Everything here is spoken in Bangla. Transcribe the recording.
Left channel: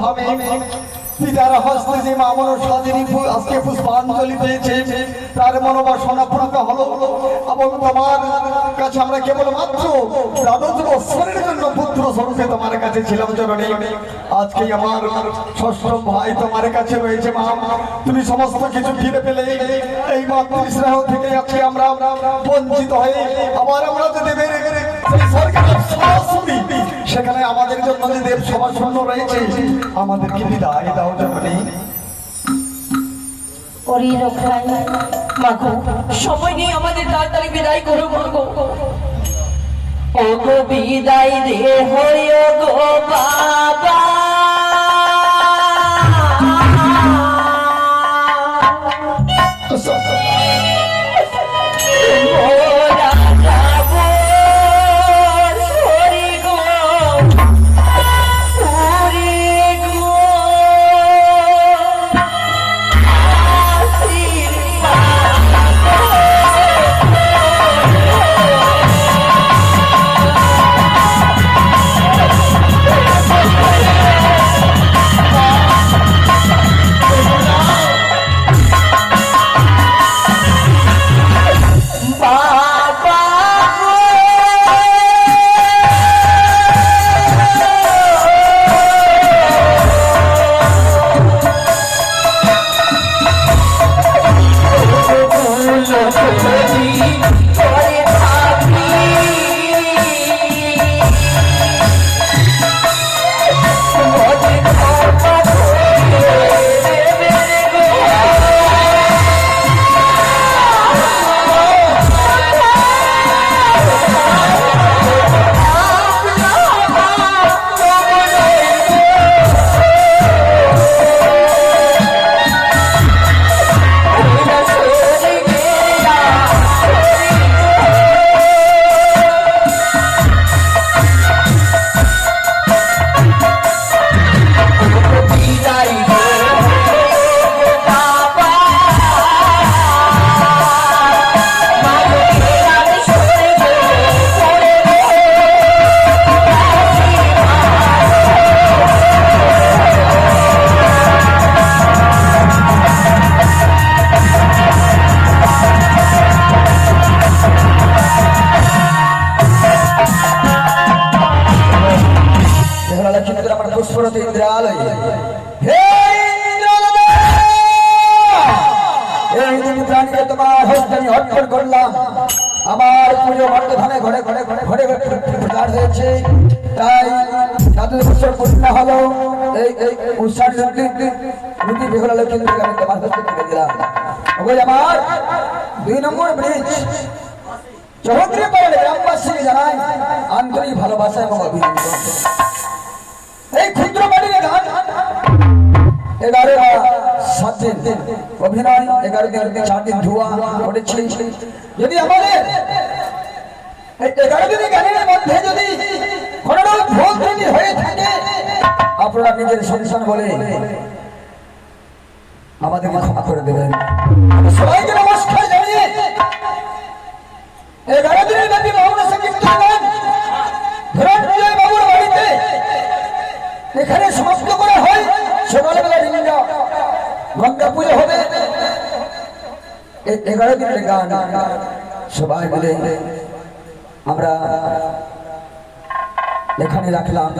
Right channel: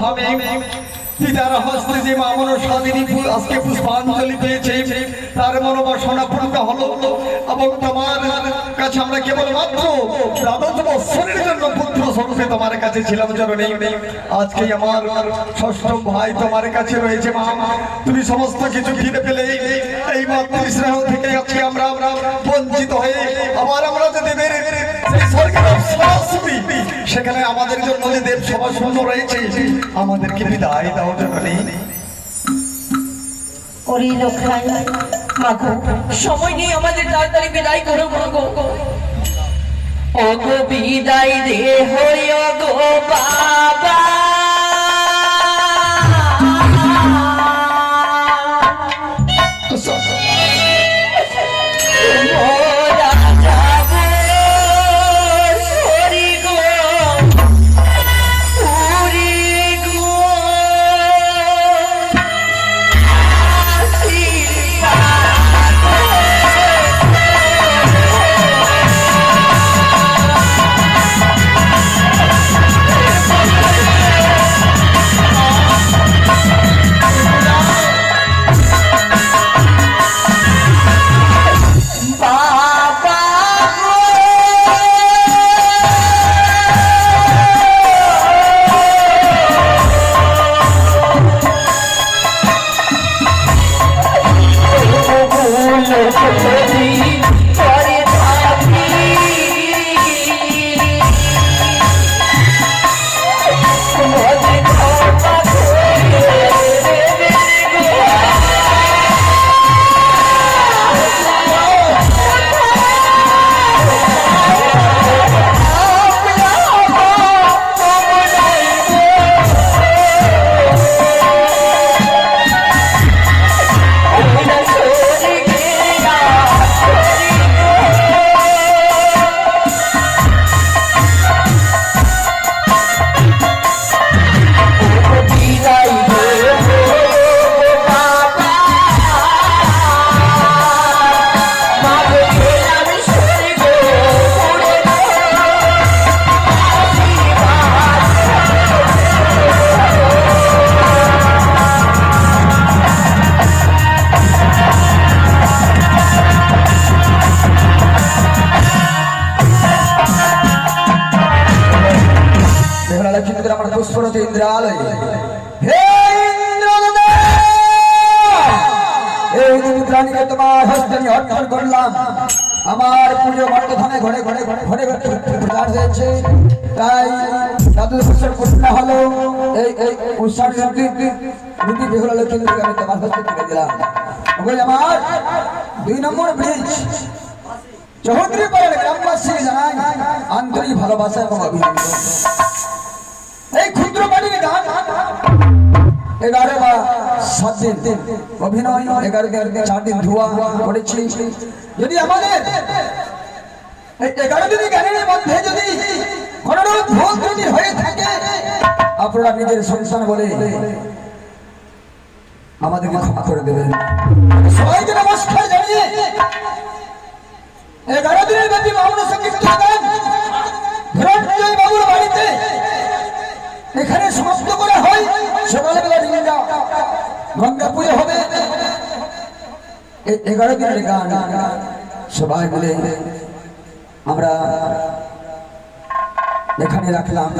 ধামে পিতার হস্তে যে মা মনসা যিনি আজকে পুষ্পাঞ্জলি দিয়েছে তার মনোবাসনা পূর্ণ হলো এবং তোমার কাছে আমরা কেবলমাত্র দ্বাদশ বৎসরের জন্য পুত্র স্বরূপে তোমার কাছে ছিলাম জননী। আজকে আমার ষষ্ঠ ভাই তোমার কাছে রয়েছে মা, তুমি সমস্ত কিছু ফিরে পেলে এই মাতৃস্নেহ থেকে আজকে আমরা বঞ্চিত হয়ে আবার আমরা যে দেবের সেখানে আমাদের জন্য যে দেব সভা শূন্য রয়েছে, আমাদেরকে বিদায় দাও জননী। সময় নেই আমাদের, তাড়াতাড়ি বিদায় করো মাগো। ওগো বিদায় রে হয় গো বাবা, আমার পুরো বর্তমানে ঘরে ঘরে ঘরে ঘরে ঘরে প্রচার হয়েছে, তাই তাদের বছর পূর্ণ হলো এই এই উৎসব রুটি বেহুলা লক্ষ্মী আমি তোমার হস্তে তুলে দিলাম। আমার 2 নম্বর ব্রিজ চৌধুরী পাড়ার গ্রামবাসী জানাই আন্তরিক ভালোবাসা এবং অভিনন্দন। এই ক্ষুদ্র বাড়ির গান 11 বা 7 দিন অভিনয়, 11 দিন 4 দিন ধোয়া করেছি। যদি আমাদের এই 11 দিনের গানের মধ্যে যদি কোনো ভুল ত্রুটি হয়ে থাকে আপনারা নিজের সংসার বলে আমাদেরকে ক্ষমা করে দেবেন। সবাইকে নমস্কার জানিয়ে 11 দিনের ব্যাপী বাউল সংকীর্তন গান ধনঞ্জয় বাবুর বাড়িতে এখানে সমাপ্ত করা হয়। সকালবেলা গঙ্গা পুজো হবে। এই 11 দিনের গান সবাই মিলে আমরা এখানে রাখলাম।